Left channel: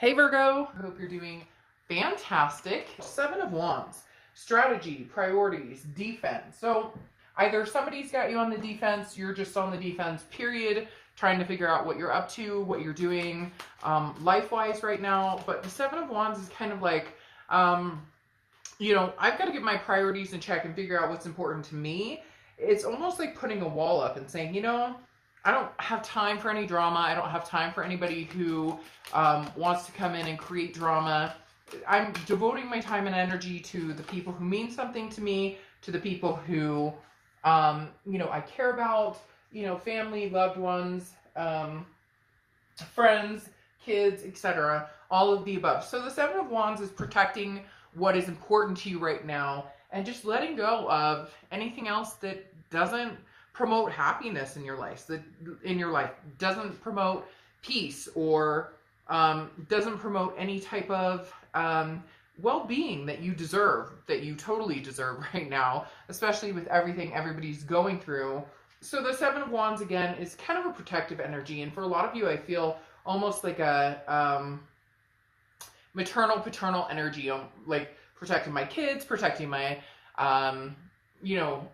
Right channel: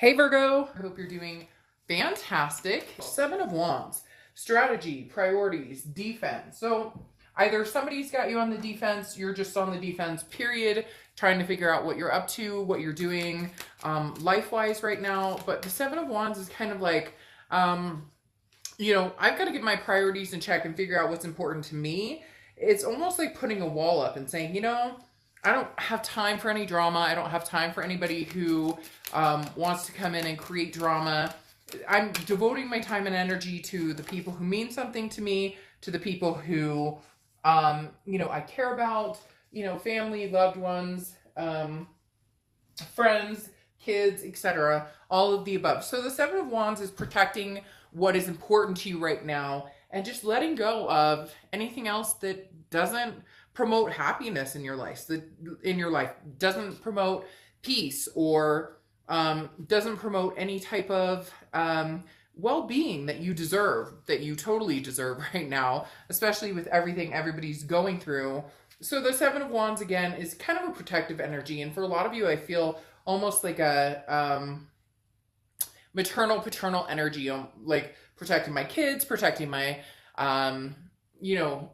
Hey Virgo, I hope you're doing fantastic. Seven of Wands, strategy, priorities, defense. So either somebody's got you on the defense, you're just on the defense, period, trying to figure out what you're up to, what you're doing life-wise right now. But the Seven of Wands is kind of like, I've got to get my priorities in check and figure out what's important to me. It's almost like putting a wall up and saying, I don't have time for any drama. I don't have time for anybody who wants to come in and create drama. I'm devoting my time and energy to the people who mean something to me, to the people who, I care about, family, loved ones, friends, kids, etc. All of the above. So the Seven of Wands is protecting what is important to you right now and just letting go of anything else that doesn't promote happiness in your life, doesn't promote peace, or doesn't promote any type of well-being that you deserve, that you totally deserve right now, especially with everything everybody's going through. So the Seven of Wands, again, is kind of a protective energy, and for a lot of you, I feel almost like a maternal, paternal energy, like protecting my kids, protecting my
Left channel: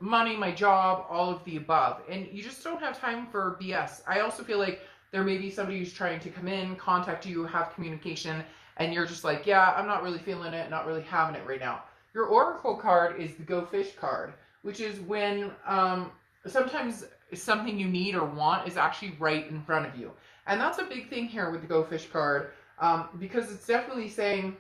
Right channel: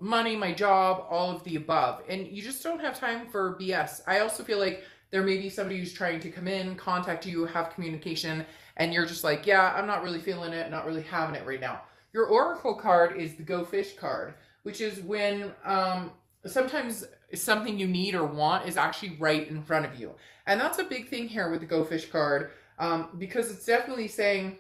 money, my job, all of the above. And you just don't have time for BS. I also feel like there may be somebody who's trying to come in, contact you, have communication, and you're just like, yeah, I'm not really feeling it, not really having it right now. Your Oracle card is the Go Fish card, which is when sometimes something you need or want is actually right in front of you. And that's a big thing here with the Go Fish card, because it's definitely saying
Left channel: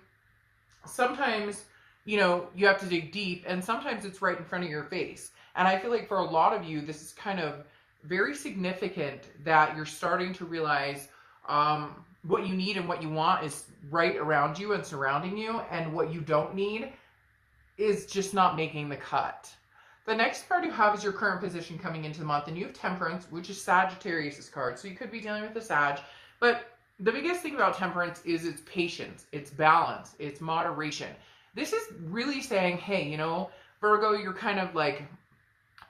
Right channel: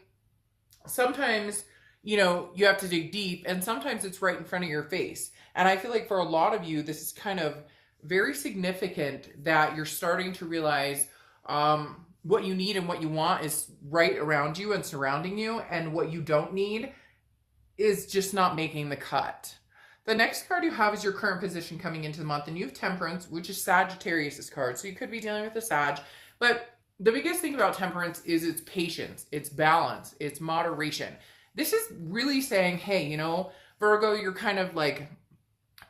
sometimes you have to dig deep, and sometimes it's right in front of your face. And I feel like for a lot of you, this is kind of very significant that you're starting to realize what you need and what you want is right around you and surrounding you, and what you don't need is just not making the cut. The next card you have is your current position coming into the month, and you have Temperance, which is Sagittarius' card. So you could be dealing with a Sag, but the biggest thing about Temperance is its patience, its balance, its moderation. This is really saying, hey, Virgo, you're kind of like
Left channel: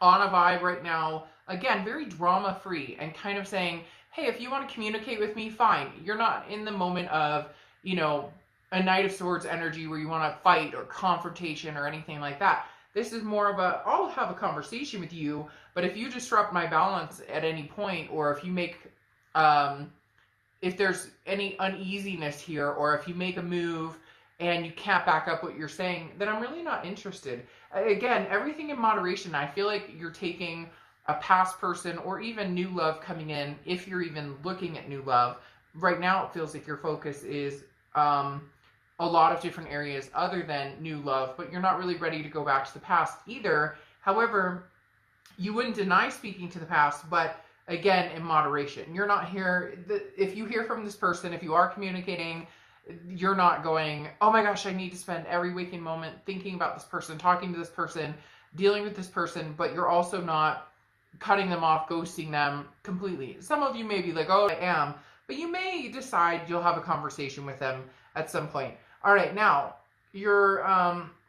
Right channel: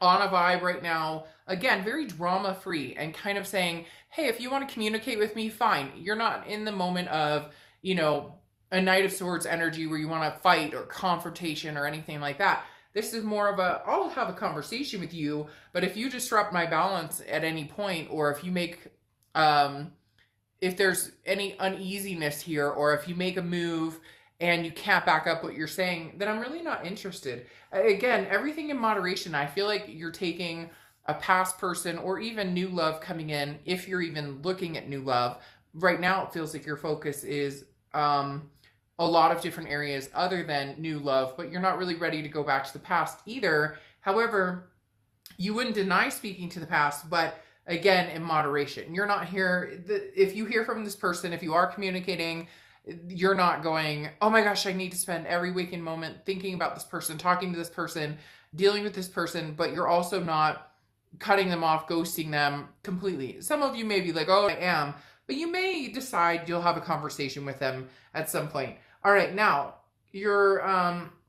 on a vibe right now. Again, very drama-free, and kind of saying, hey, if you want to communicate with me, fine. You're not in the moment of, a Knight of Swords energy where you want to fight or confrontation or anything like that. This is more of I'll have a conversation with you, but if you disrupt my balance at any point, or if you make, if there's any uneasiness here, or if you make a move and you can't back up what you're saying, then I'm really not interested. Again, everything in moderation. I feel like you're taking a past person or even new love coming in, if you're even looking at new love. Right now, it feels like your focus is a lot of different areas other than new love, but you're not really ready to go back to the past either. However, you wouldn't deny speaking to the past, but again, in moderation. You're not here, if you hear from this person, if you are communicating, you're not going, oh my gosh, I need to spend every waking moment thinking about this person, talking to this person, dealing with this person, but you're also not cutting them off, ghosting them completely. Some of you may be like, oh, I am, but you may decide you'll have a conversation with them at some point. All right, now, your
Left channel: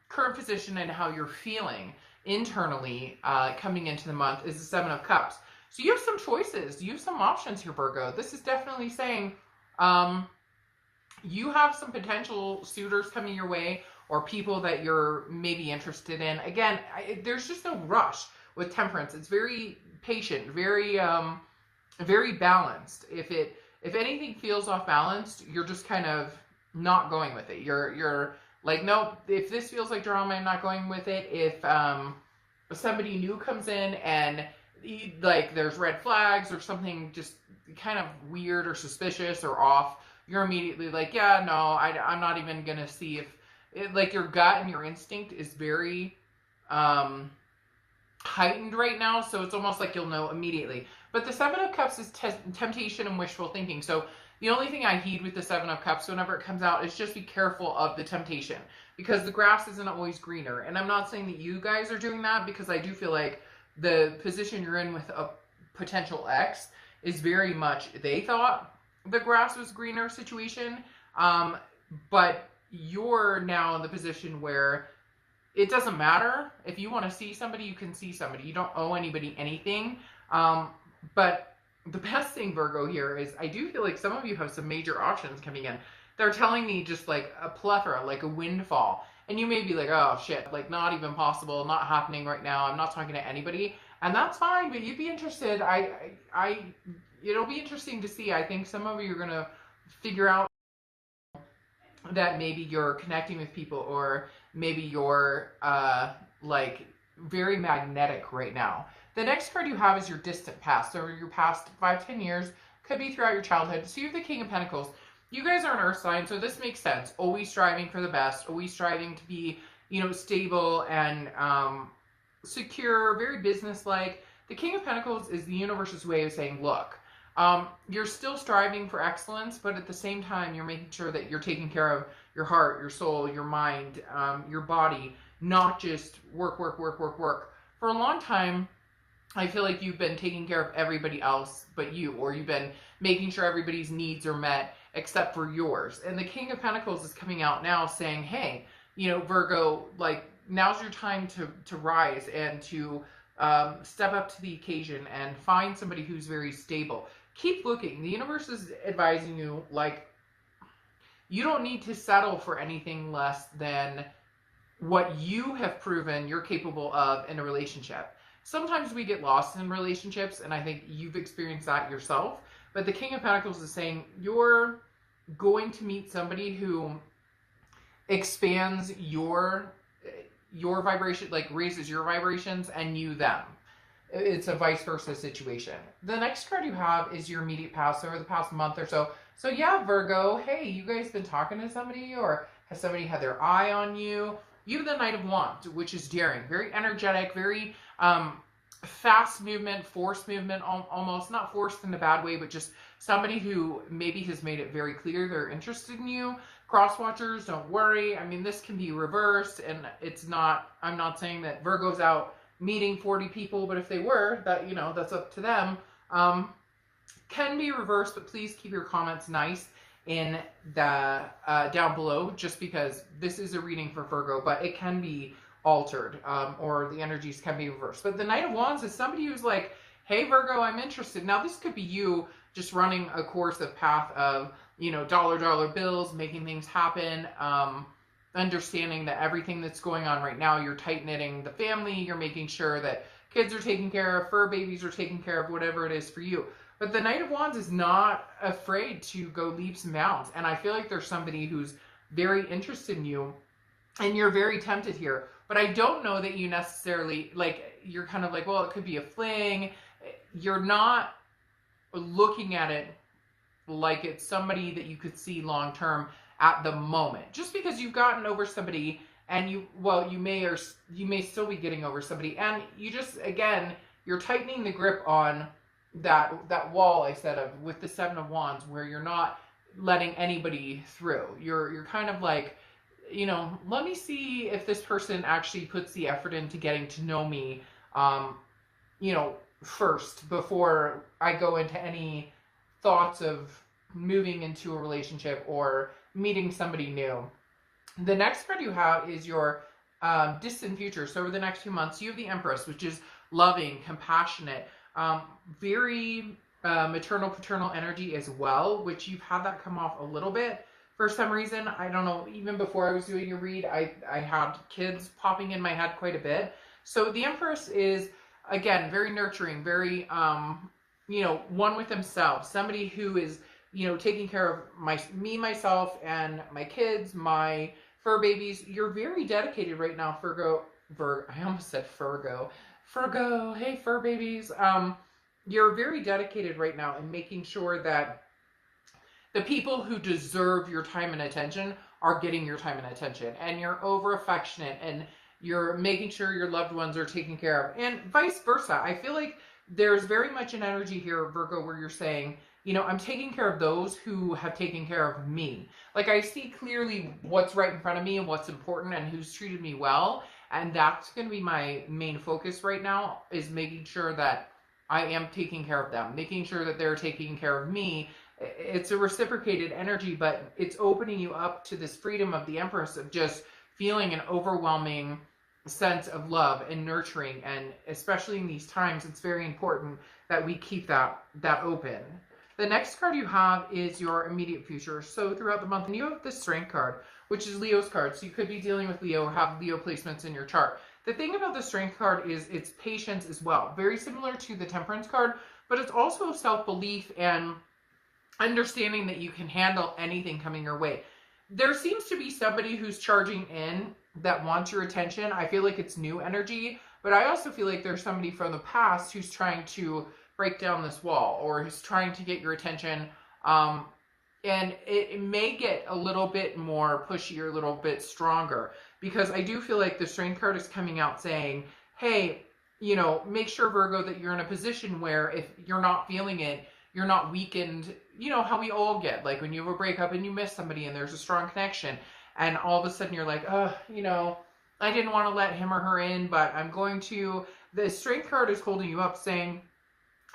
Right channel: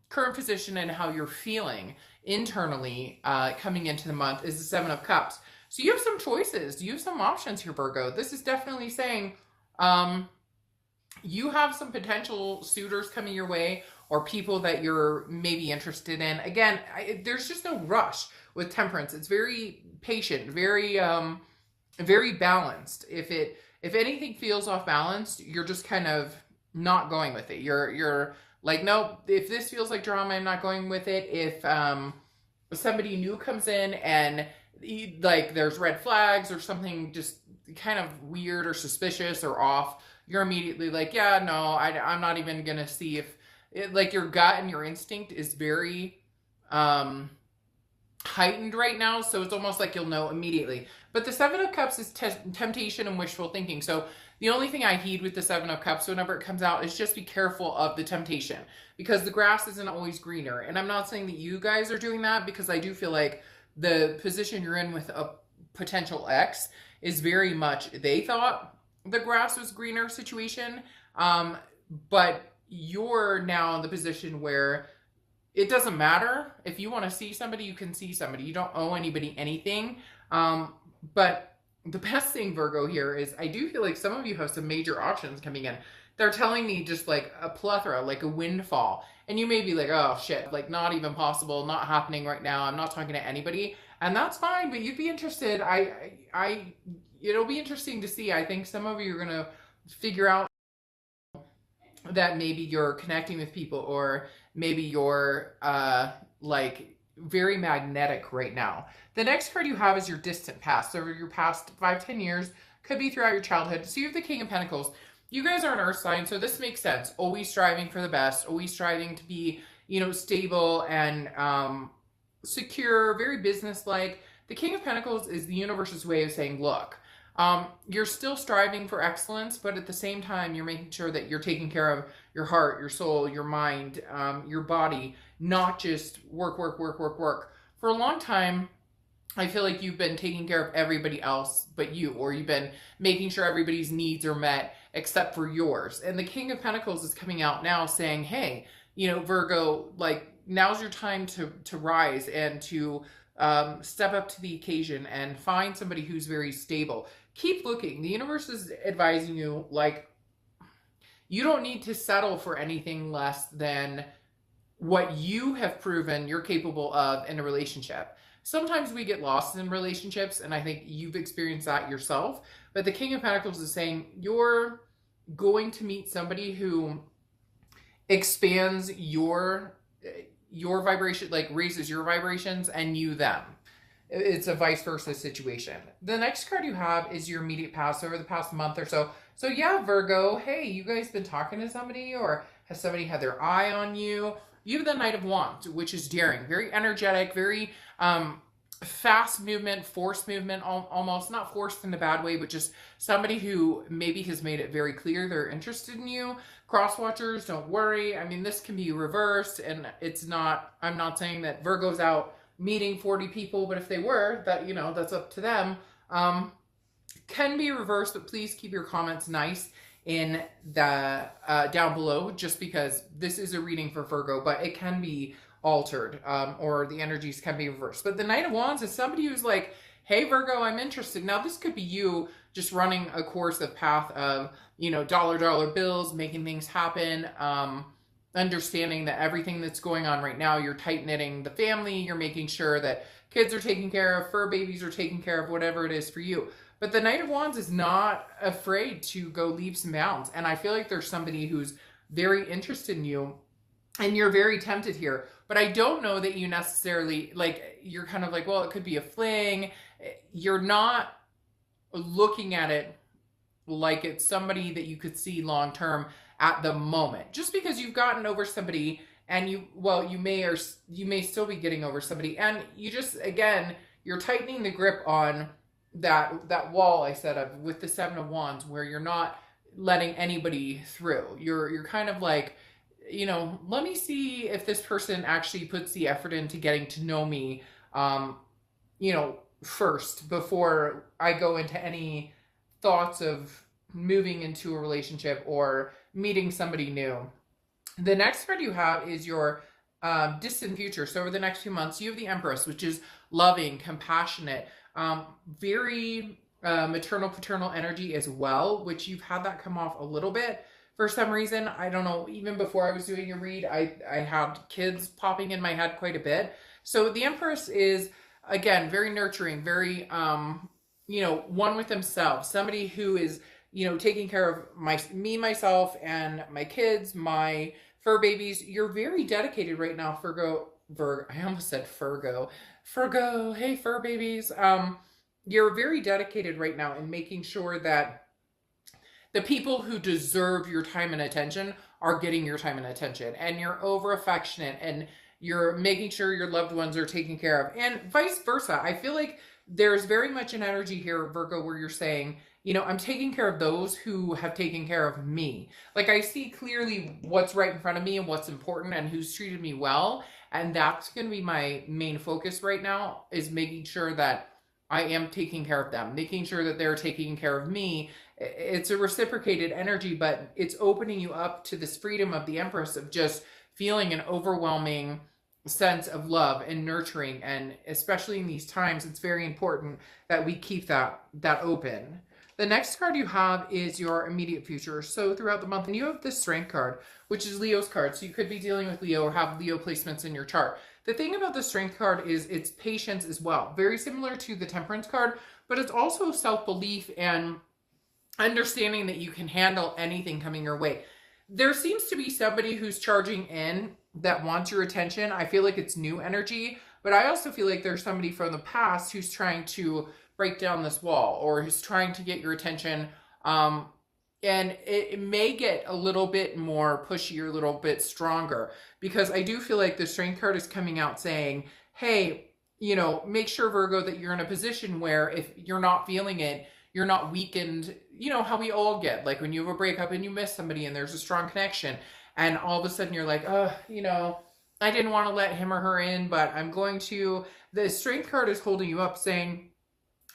current position and how you're feeling internally coming into the month is the Seven of Cups. So you have some choices. You have some options here, Virgo. This is definitely saying, you have some potential suitors coming your way, or people that you're maybe interested in. Again, there's just no rush with Temperance. It's very patient, very balanced. If anything feels off balance, you're just kind of not going with it. You're like, no, if this feels like drama, I'm not going with it. If somebody new comes in and like there's red flags or something just kind of weird or suspicious or off, you're immediately like, yeah, no, I'm not even going to see if, like your gut and your instinct is very heightened right now. So it's almost like you'll know immediately. But the Seven of Cups is temptation and wishful thinking. So the only thing I heed with the Seven of Cups whenever it comes out is just be careful of the temptation, because the grass isn't always greener. And I'm not saying that you guys are doing that, because I do feel like the position you're in with a potential ex is very much, they thought the grass was greener situation, but you're now in the position where it doesn't matter. If you want to see somebody, you can see somebody. You don't owe anybody anything. But the best thing, Virgo, here is I do feel like some of you have some major options coming in. they're telling me just like a plethora, like a windfall. And you may be like, oh shit, like not even possible, not happening right now. I'm not talking to anybody. And that's fine, but you'd be interested. It'll be interesting to see. I think some of you are going to figure out that maybe you're connecting with people, or maybe you're like very magnetic right now. The next card you have is your distant past. So your past 5-10 years, could be throughout your childhood. So you have the King of Pentacles. You guys are an earth sign, so this makes sense. Always striving for the best, always striving to be, you know, stable and secure, very business-like. The King of Pentacles is the universe's way of saying, look, you're still striving for excellence, but at the same time, you're making sure that you're taking care of your heart, your soul, your mind, your body, not just work, work, work, work, work. For a long time, I feel like you've been taking care of everybody else but you, or you've been making sure everybody's needs are met except for yours. And the King of Pentacles is coming out now saying, hey, you know, Virgo, like, now's your time to rise and to step up to the occasion and find somebody who's very stable. Keep looking. The universe is advising you, like, you don't need to settle for anything less than what you have proven you're capable of in a relationship. Sometimes we get lost in relationships, and I think you've experienced that yourself. But the King of Pentacles is saying you're going to meet somebody who expands your vibration, like raises your vibrations, and you them. It's a vice versa situation. The next card you have is your immediate past, over the past month or so. So yeah, Virgo, hey, you guys been talking to somebody, or has somebody had their eye on you? You have the Knight of Wands, which is daring, very energetic, very fast movement, forced movement, almost not forced in a bad way, but just somebody who maybe has made it very clear they're interested in you. Cross watchers, don't worry. I mean, this can be reversed, and it's not, I'm not saying that Virgo's out meeting 40 people, but if they were, that, you know, that's up to them. Can be reversed, but please keep your comments nice in the down below, just because this is a reading for Virgo, but it can be altered, or the energies can be reversed. But the Knight of Wands is somebody who's like, hey Virgo, I'm interested. Now this could be you just running a course of path of, you know, dollar bills, making things happen, understanding that everything that's going on right now, you're tight knitting the family, you're making sure that kids are taken care of, fur babies are taken care of, whatever it is for you. But the Knight of Wands is not afraid to go leaps and bounds. And I feel like there's somebody who's very interested in you, and you're very tempted here. But I don't know that you necessarily, like, you're kind of like, well, it could be a fling. You're not looking at it like it's somebody that you could see long term at the moment. Just because you've gotten over somebody, and you may still be getting over somebody, and you just, again, you're tightening the grip on that wall I said of with the Seven of Wands, where you're not letting anybody through. You're kind of like, you know, let me see if this person actually puts the effort into getting to know me, you know, first, before I go into any thoughts of moving into a relationship or meeting somebody new. The next card you have is your distant future. So over the next few months, you have the Empress, which is loving, compassionate, very maternal, paternal energy as well, which you've had that come off a little bit. For some reason, I don't know, even before I was doing a read, I had kids popping in my head quite a bit. So the Empress is, again, very nurturing, very, you know, one with themselves. Somebody who is, you know, taking care of me, myself, and my kids, my fur babies. You're very dedicated right now, Virgo. I almost said Virgo. Virgo, hey, fur babies. You're very dedicated right now in making sure that the people who deserve your time and attention are getting your time and attention, and you're over affectionate, and you're making sure your loved ones are taken care of, and vice versa. I feel like there's very much an energy here, Virgo, where you're saying, you know, I'm taking care of those who have taken care of me. Like, I see clearly what's right in front of me and what's important and who's treated me well, and that's going to be my main focus right now, is making sure that I am taking care of them, making sure that they're taking care of me. It's a reciprocated energy, but it's opening you up to this freedom of the Empress, of just feeling an overwhelming sense of love and nurturing. And especially in these times, it's very important that we keep that open. The next card you have is your immediate future. So throughout the month, and you have the Strength card, which is Leo's card. So you could be dealing with Leo or have Leo placements in your chart. The thing about the Strength card is it's patience as well. Very similar to the Temperance card, but it's also self-belief and understanding that you can handle anything coming your way. There seems to be somebody who's charging in that wants your attention. I feel like it's new energy, but I also feel like there's somebody from the past who's trying to break down this wall or is trying to get your attention. And it may get a little bit more pushy or a little bit stronger, because I do feel like the Strength card is coming out saying, hey, you know, make sure, Virgo, that you're in a position where if you're not feeling it, you're not weakened. You know how we all get, like when you have a breakup and you miss somebody and there's a strong connection, and all of a sudden you're like, you know, I didn't want to let him or her in, but I'm going to. The Strength card is holding you up, saying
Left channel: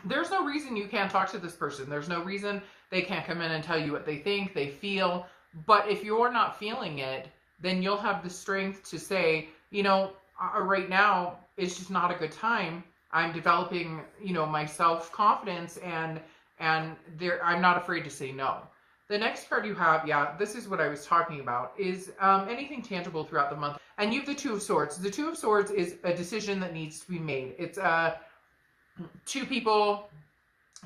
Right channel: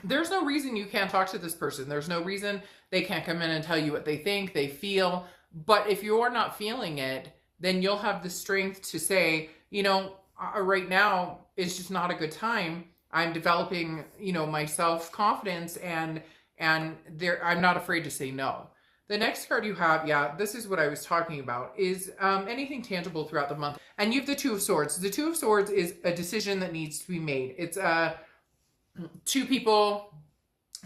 there's no reason you can't talk to this person. There's no reason they can't come in and tell you what they think, they feel. But if you're not feeling it, then you'll have the strength to say, you know, right now it's just not a good time. I'm developing, you know, my self-confidence, and I'm not afraid to say no. The next card you have, yeah, this is what I was talking about, is anything tangible throughout the month. And you have the Two of Swords. The Two of Swords is a decision that needs to be made. It's two people,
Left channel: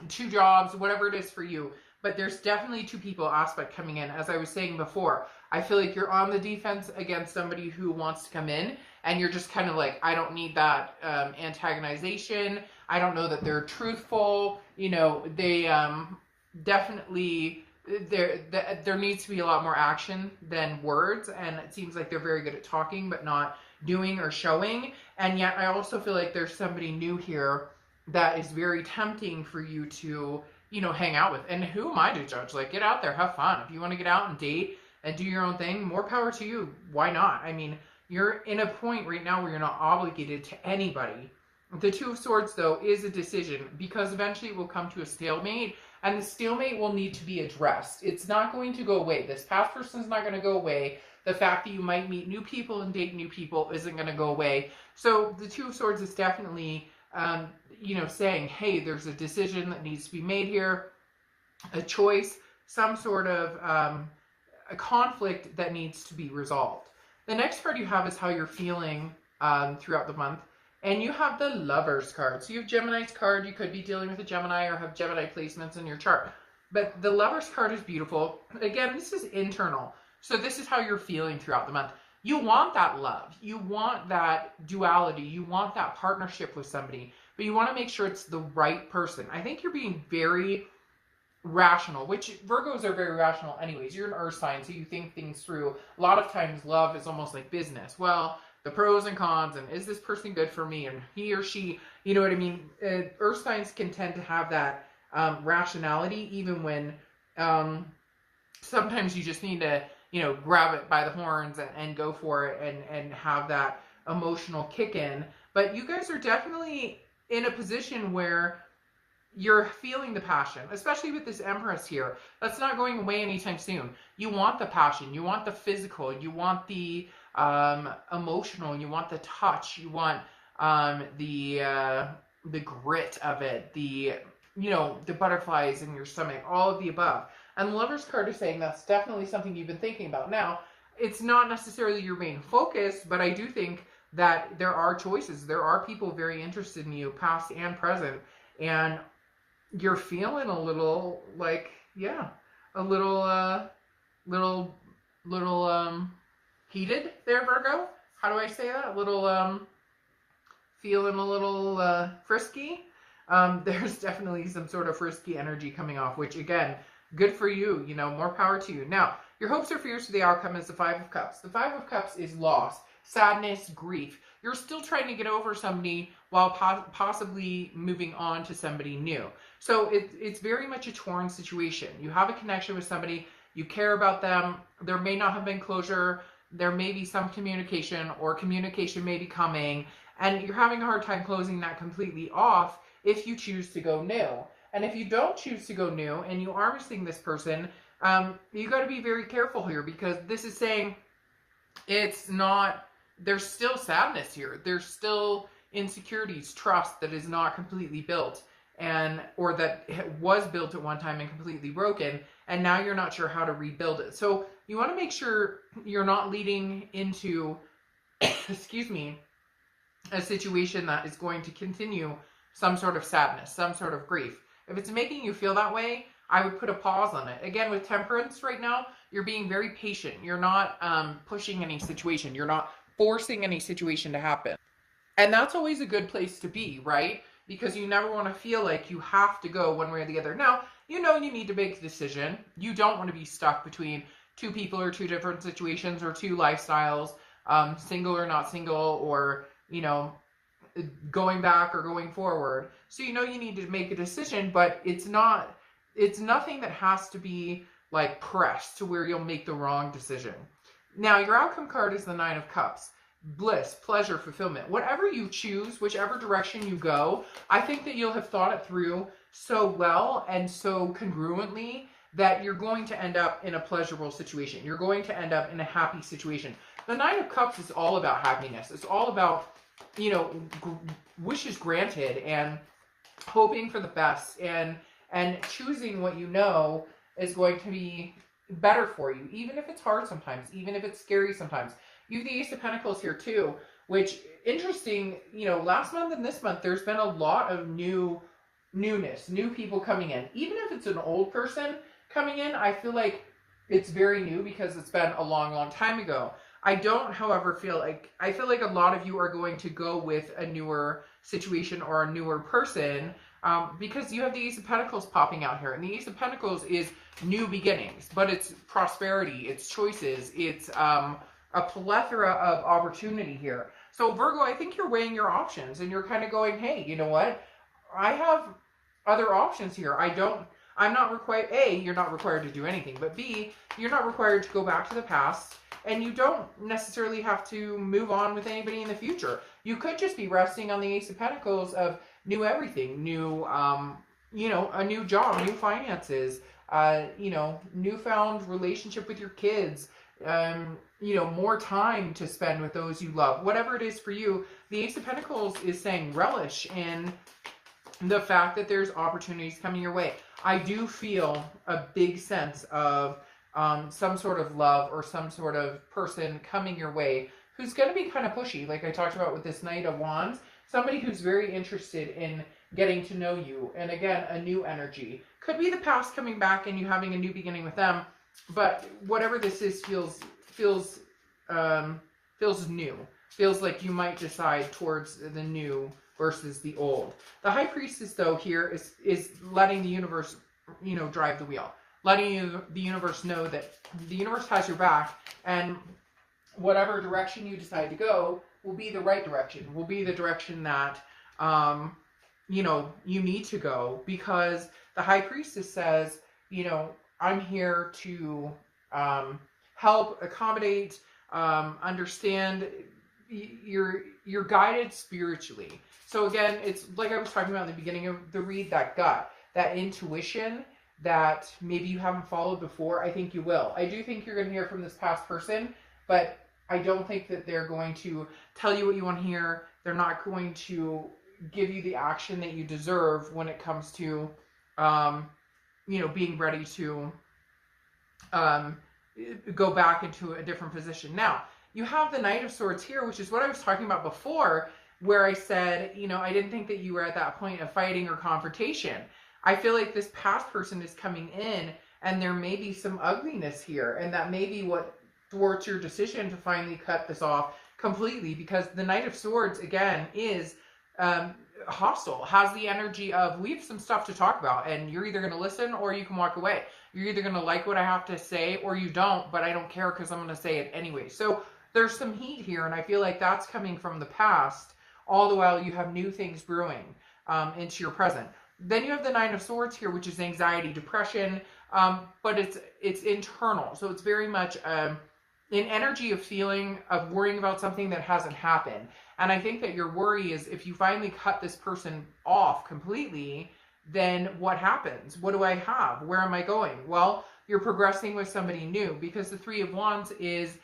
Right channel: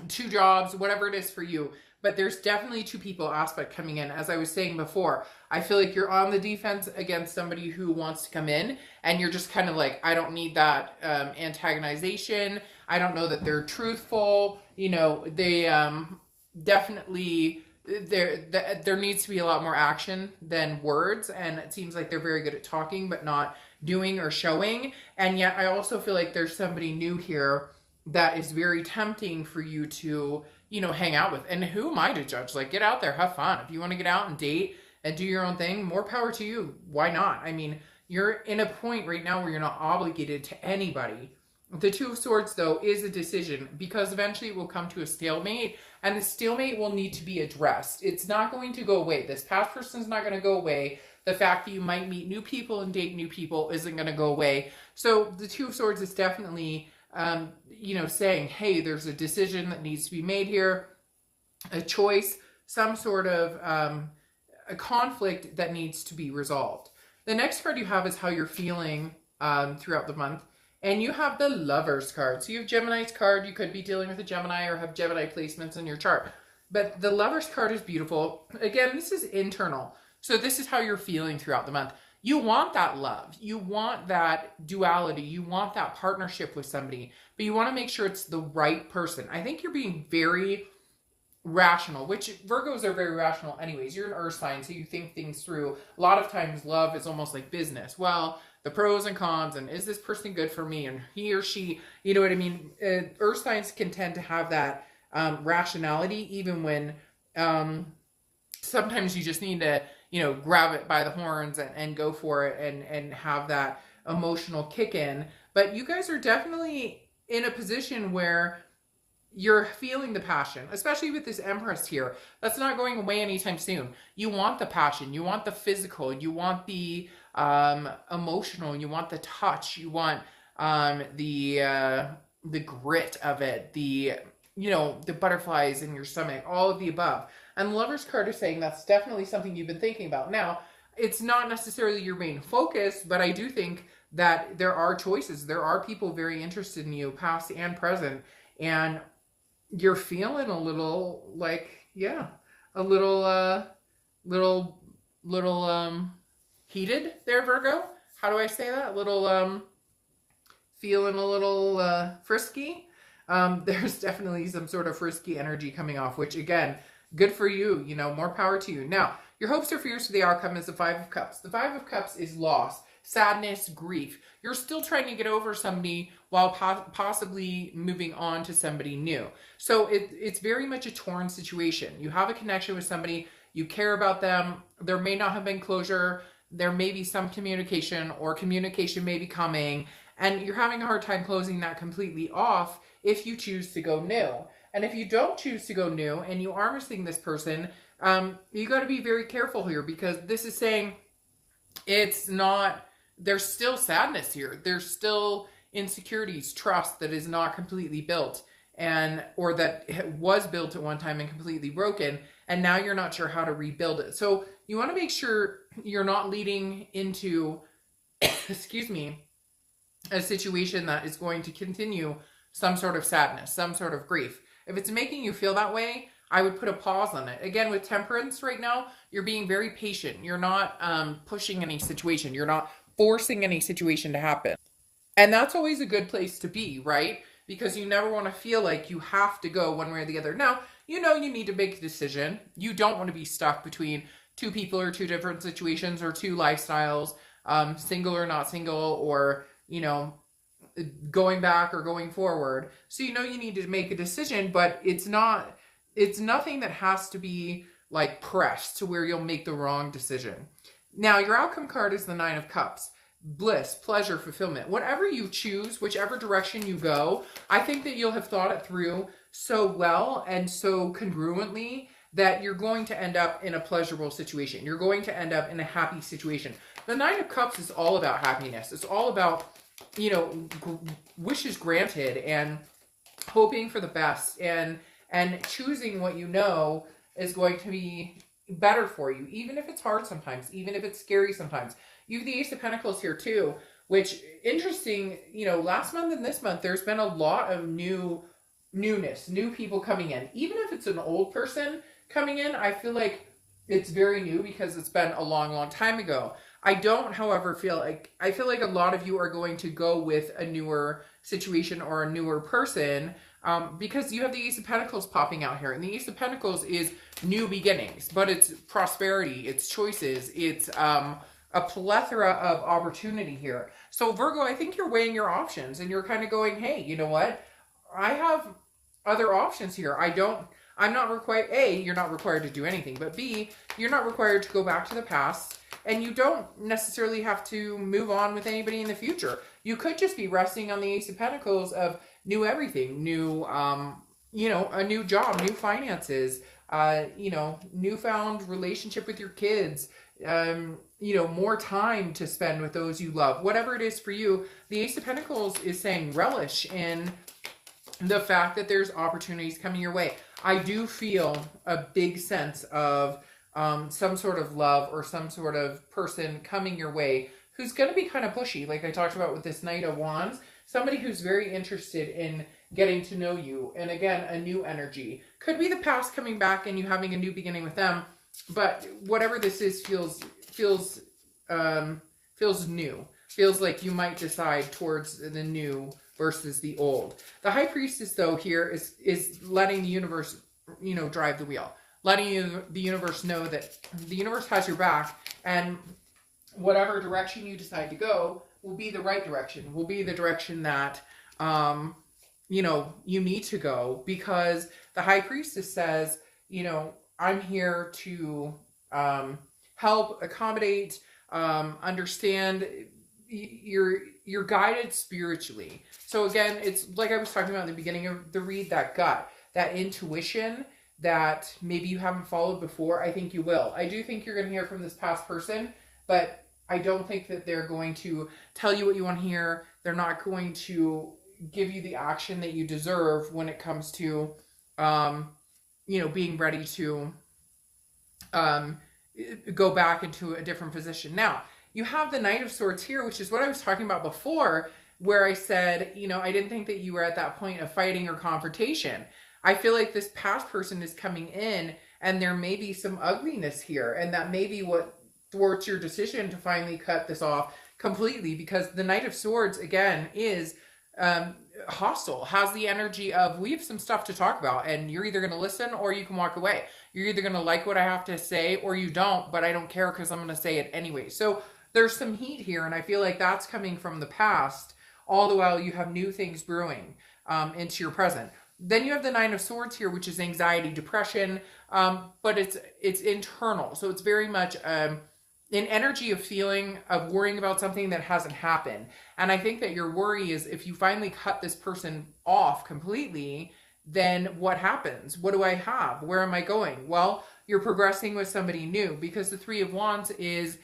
two jobs, whatever it is for you. But there's definitely two people aspect coming in. As I was saying before, I feel like you're on the defense against somebody who wants to come in, and you're just kind of like, I don't need that antagonization. I don't know that they're truthful. You know, they definitely, there needs to be a lot more action than words, and it seems like they're very good at talking but not doing or showing. And yet I also feel like there's somebody new here that is very tempting for you to, you know, hang out with. And who am I to judge? Like, get out there, have fun. If you want to get out and date and do your own thing, more power to you. Why not? I mean, you're in a point right now where you're not obligated to anybody. The Two of Swords, though, is a decision, because eventually we'll come to a stalemate, and the stalemate will need to be addressed. It's not going to go away. This past person is not going to go away. The fact that you might meet new people and date new people isn't going to go away. So the Two of Swords is definitely, you know, saying, hey, there's a decision that needs to be made here, a choice, some sort of a conflict that needs to be resolved. The next card you have is how you're feeling throughout the month. And you have the Lovers card. So you have Gemini's card. You could be dealing with a Gemini or have Gemini placements in your chart. But the Lovers card is beautiful. Again, this is internal. So this is how you're feeling throughout the month. You want that love. You want that duality. You want that partnership with somebody. But you want to make sure it's the right person. I think you're being very rational, which Virgos are very rational anyways. You're an earth sign, so you think things through. A lot of times love is almost like business. Well, the pros and cons, and is this person good for me, and he or she, you know what I mean? Earth signs can tend to have that rationality, even when sometimes you just need to, you know, grab it by the horns and go for it and have that emotional kick in. But you guys are definitely in a position where you're feeling the passion, especially with this Empress here. That's not going away anytime soon. You want the passion, you want the physical, you want the emotional, you want the touch, you want the grit of it, the, you know, the butterflies in your stomach, all of the above. And the Lover's card is saying that's definitely something you've been thinking about. Now, it's not necessarily your main focus, but I do think that there are choices. There are people very interested in you, past and present, and you're feeling a little like, yeah, a little heated there, Virgo. How do I say that? A little, feeling a little frisky. There's definitely some sort of frisky energy coming off, which again, good for you, you know, more power to you. Now, your hopes or fears for the outcome is the Five of Cups. The Five of Cups is loss, sadness, grief. You're still trying to get over somebody while possibly moving on to somebody new. So it's very much a torn situation. You have a connection with somebody, you care about them, there may not have been closure, there may be some communication, or communication may be coming, and you're having a hard time closing that completely off if you choose to go new. And if you don't choose to go new and you are missing this person, you got to be very careful here, because this is saying it's not, there's still sadness here. There's still insecurities, trust that is not completely built. or that was built at one time and completely broken, and now you're not sure how to rebuild it. So you want to make sure you're not leading into excuse me, a situation that is going to continue some sort of sadness, some sort of grief. If it's making you feel that way, I would put a pause on it. Again, with temperance right now, you're being very patient. You're not pushing any situation. You're not forcing any situation to happen. And that's always a good place to be, right? Because you never want to feel like you have to go one way or the other. Now, you know you need to make a decision. You don't want to be stuck between two people or two different situations or two lifestyles, single or not single, or, you know, going back or going forward. So you know you need to make a decision, but it's nothing that has to be like pressed to where you'll make the wrong decision. Now, your outcome card is the Nine of Cups. Bliss, pleasure, fulfillment. Whatever you choose, whichever direction you go, I think that you'll have thought it through so well and so congruently that you're going to end up in a pleasurable situation. You're going to end up in a happy situation. The Nine of Cups is all about happiness. It's all about, you know, wishes granted and hoping for the best and choosing what you know is going to be better for you, even if it's hard sometimes, even if it's scary sometimes. You have the Ace of Pentacles here too, which, interesting, you know, last month and this month, there's been a lot of newness, new people coming in. Even if it's an old person coming in, I feel like it's very new because it's been a long, long time ago. I don't, however, I feel like a lot of you are going to go with a newer situation or a newer person because you have the Ace of Pentacles popping out here. And the Ace of Pentacles is new beginnings, but it's prosperity, it's choices, it's a plethora of opportunity here. So Virgo, I think you're weighing your options and you're kind of going, hey, you know what? I have other options here. I'm not required, A, you're not required to do anything, but B, you're not required to go back to the past, and you don't necessarily have to move on with anybody in the future. You could just be resting on the Ace of Pentacles of new everything, new, you know, a new job, new finances, you know, newfound relationship with your kids, you know, more time to spend with those you love. Whatever it is for you, the Ace of Pentacles is saying relish in the fact that there's opportunities coming your way. I do feel a big sense of some sort of love or some sort of person coming your way who's going to be kind of pushy, like I talked about with this Knight of Wands. Somebody who's very interested in getting to know you. And again, a new energy. Could be the past coming back and you having a new beginning with them. But whatever this is feels new. Feels like you might decide towards the new versus the old. The High Priestess, though, here is letting the universe, you know, drive the wheel. Letting the universe know that the universe has your back, and whatever direction you decide to go will be the right direction, will be the direction that, you know, you need to go, because the High Priestess says, you know, I'm here to help, accommodate, understand. You're guided spiritually. So again, it's like I was talking about at the beginning of the read, that gut, that intuition that maybe you haven't followed before. I think you will. I do think you're going to hear from this past person, but I don't think that they're going to tell you what you want to hear. They're not going to give you the action that you deserve when it comes to, you know, being ready to go back into a different position. Now, you have the Knight of Swords here, which is what I was talking about before, where I said, you know, I didn't think that you were at that point of fighting or confrontation. I feel like this past person is coming in and there may be some ugliness here, and that may be what thwarts your decision to finally cut this off completely, because the Knight of Swords, again, is hostile, has the energy of, we have some stuff to talk about, and you're either going to listen or you can walk away. You're either going to like what I have to say or you don't, but I don't care because I'm going to say it anyway. So there's some heat here, and I feel like that's coming from the past, all the while you have new things brewing into your present. Then you have the Nine of Swords here, which is anxiety, depression, but it's internal. So it's very much an energy of feeling, of worrying about something that hasn't happened. And I think that your worry is, if you finally cut this person off completely, then what happens? What do I have? Where am I going? Well, you're progressing with somebody new, because the Three of Wands is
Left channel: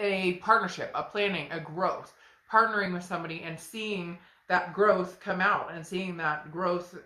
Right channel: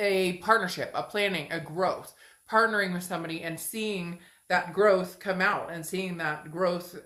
a partnership, a planning, a growth, partnering with somebody and seeing that growth come out and seeing that growth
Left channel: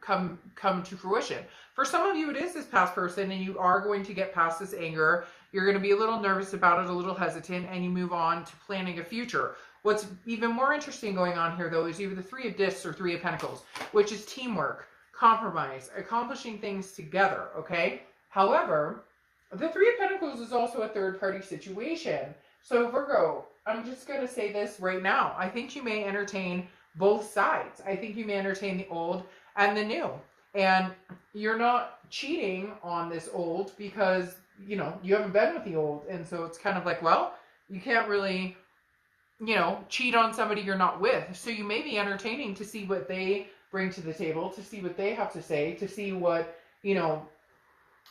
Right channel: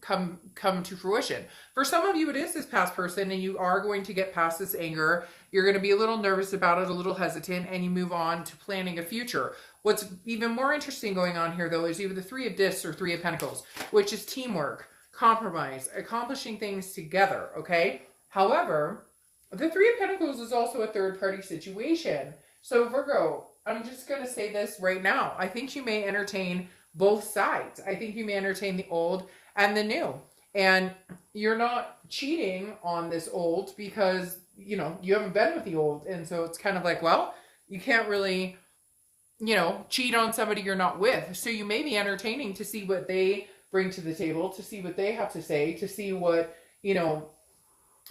come to fruition. For some of you, it is this past person, and you are going to get past this anger. You're going to be a little nervous about it, a little hesitant, and you move on to planning a future. What's even more interesting going on here, though, is you have the Three of Discs or Three of Pentacles, which is teamwork, compromise, accomplishing things together, okay? However, the Three of Pentacles is also a third-party situation. So, Virgo, I'm just going to say this right now. I think you may entertain both sides. I think you may entertain the old and the new. And you're not cheating on this old because, you know, you haven't been with the old. And so it's kind of like, well, you can't really, you know, cheat on somebody you're not with. So you may be entertaining to see what they bring to the table, to see what they have to say, to see what, you know,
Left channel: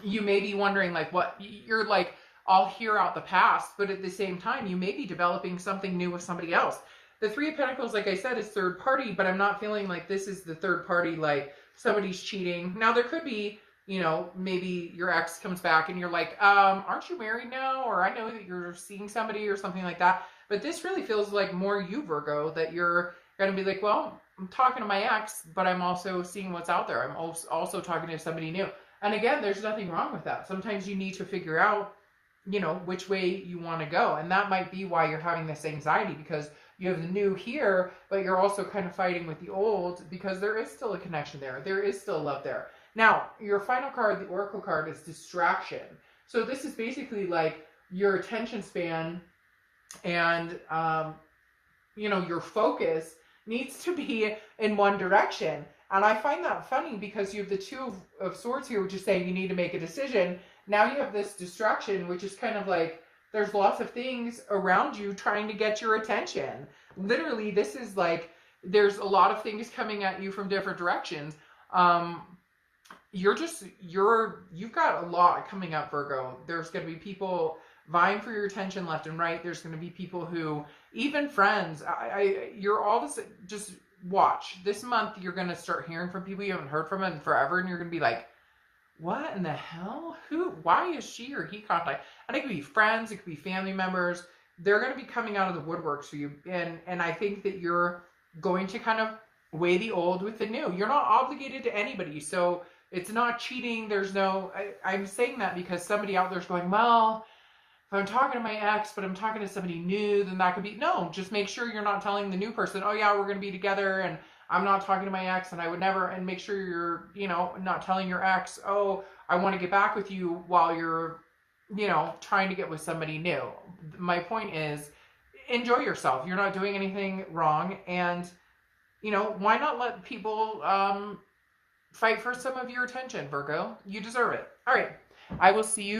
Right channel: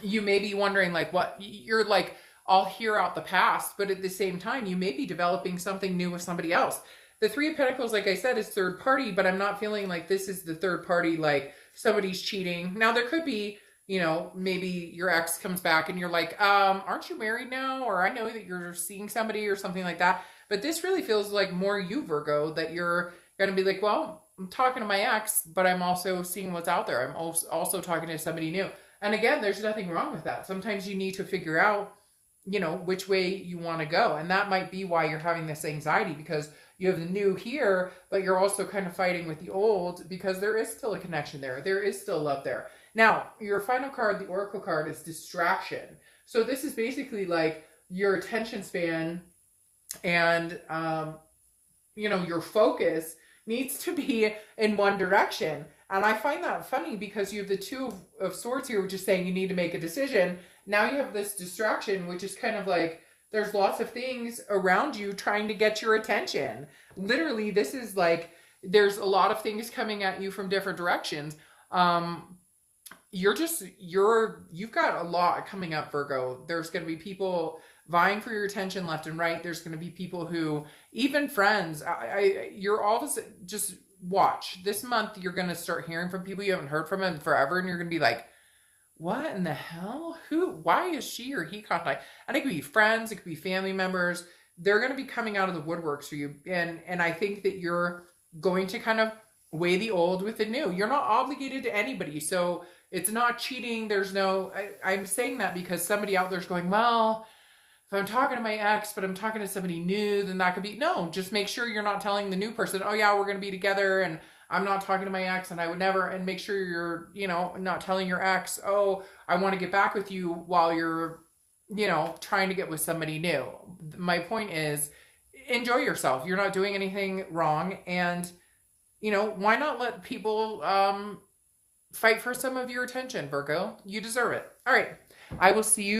you may be wondering, like, what you're like, I'll hear out the past, but at the same time, you may be developing something new with somebody else. The Three of Pentacles, like I said, is third party, but I'm not feeling like this is the third party, like somebody's cheating. Now, there could be, you know, maybe your ex comes back and you're like, aren't you married now? Or I know that you're seeing somebody or something like that. But this really feels like more you, Virgo, that you're going to be like, well, I'm talking to my ex, but I'm also seeing what's out there. I'm also talking to somebody new. And again, there's nothing wrong with that. Sometimes you need to figure out, you know, which way you want to go. And that might be why you're having this anxiety, because you have the new here, but you're also kind of fighting with the old because there is still a connection there. There is still love there. Now, your final card, the Oracle card, is distraction. So this is basically like your attention span and, you know, your focus needs to be in one direction. And I find that funny because you have the Two of Swords here, which is saying you need to make a decision. Now you have this distraction, which is kind of like there's lots of things around you trying to get your attention. Literally, this is like there's a lot of things coming at you from different directions. You've got a lot coming up, Virgo. There's going to be people vying for your attention left and right. There's going to be people who, even friends, you're all of a sudden, just watch. This month, you're going to start hearing from people you haven't heard from in forever, and you're going to be like, what in the hell? Why is she or he contacting? And it could be friends, it could be family members. They're going to be coming out of the woodworks for you. And I think that you're going to kind of weigh the old with the new. You're not obligated to anybody. So it's not cheating. There's no, I'm saying that because somebody out there's going, well, if I'm talking to my ex, but I'm talking to somebody new, then that could be, no, just make sure you're not telling the new person, oh yeah, we're going to be together and I'm not talking to my ex and I would never, and make sure you're, you know, not telling your ex, oh, I want to get back with you while you're, you know, trying to get with somebody new. My point is, enjoy yourself. You're not doing anything wrong. And, you know, why not let people fight for some of your attention, Virgo? You deserve it. All right. I will see you.